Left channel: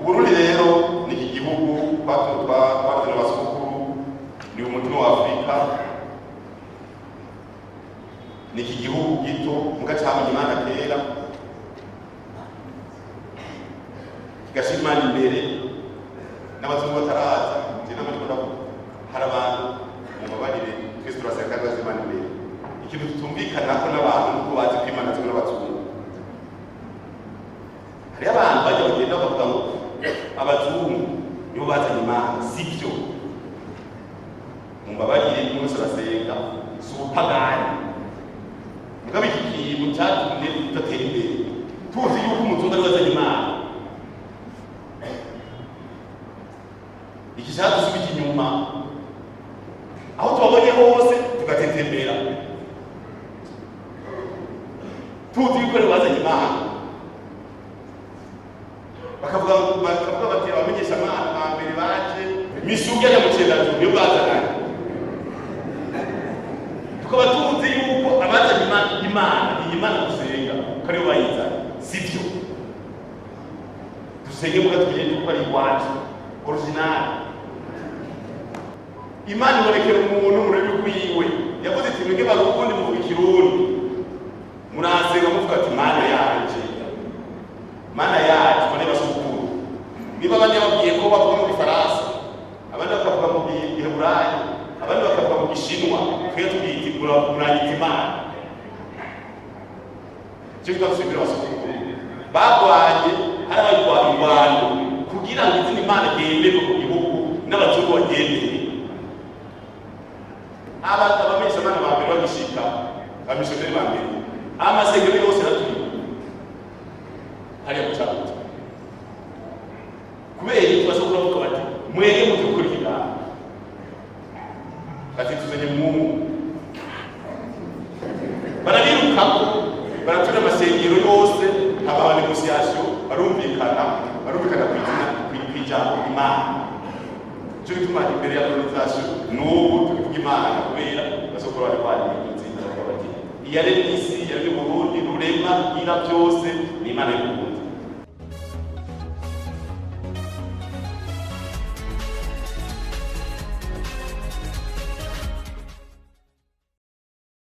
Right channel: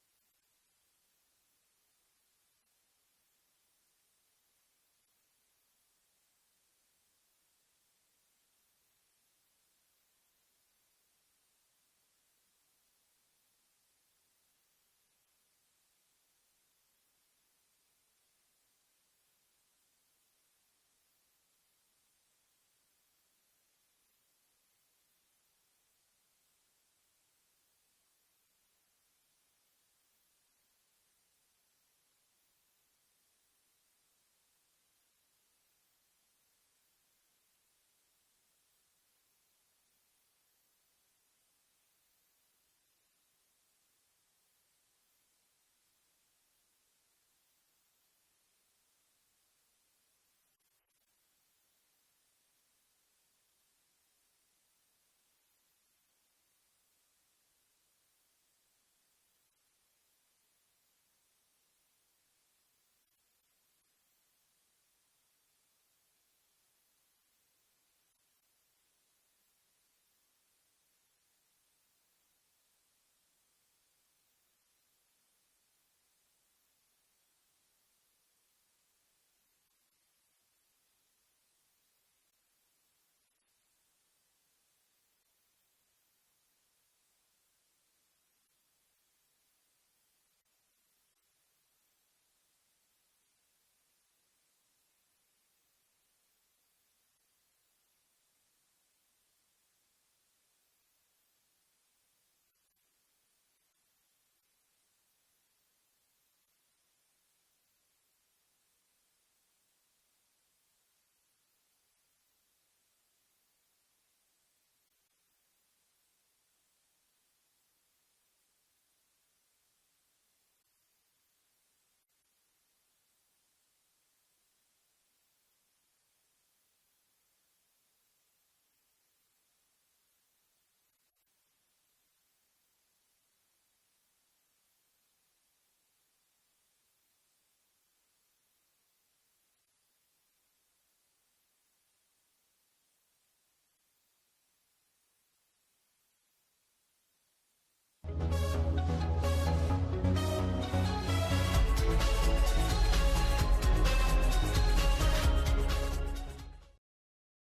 Uburundi rero ni iki gihugu twavuze n'abasukuru, ni umutima wa Afurika, ni iki gihugu gito muga cyamenye Imana kera kigashira Imana imbere n'abazungu bataraza hari abantu mubabarire twese turasenga rwose Imana imbere. Ikintu tutumvikana ko n'abantu nuko bazi ko Imana zimwe n'abazungu. Hari abantu bajya bagenda bavuga ngo abazungu nibo bazanye Imana, sibyo. Mubabarire mwese urasenga si ubupagani. Mugabe iki kintu cyatumye tudatera imbere tuzi yuko umuzungu ari wazanye Imana. Iki cyadusubije inyuma aho tubabonye hose tugatetembera tuzi yuko ari wazanye Imana. Bakavuga bati abamenyesha Imana ba mbere baje misugi ya mucendajuru niyo bazanye. Tukaba tuzi yuko abazanye Imana iyi Imana dusenga ko ariyo bayizanye, sibyo. Dusenge muga tumenye yuko ari iwacu original. Imana ibonekera umuntu mu rurimi rwiwe. Yavuze iti mwebwe barukundi muvuga ikirundi murasenga muvuga ati Mana yanje, Mana yacu bane basukuru. Niba abandi babwiye ko bavuga mu Gifaransa, abandi bakavuga mu Giheburayi, abandi bakavuga mu Gishinwa, twe tubita muranyita Imana. Cyo twasubira basukuru bagwanye hari abayirwanya ingwano kugira ngo izina Imana igenderwe mu gihugu n'abazungu bagendere. Abamenyesha Imana ba mbere bagishika abamisiyoneri ba mbere amasengero yose naturi hariya gucaguca kubera ikibazo kuvuga bati mwege mutukurikira ati tuzanye Mungu barabirukako baratura amasengero yose haba negociation barumvikana kwijambo Imana. Cyo gituma imbere ya organisation n'ubu tukivuga Imana kubera basokora bari kwari inzira bati iyare n'isi yari mu Burundi rurema ira byose ni Imana y'uburundi.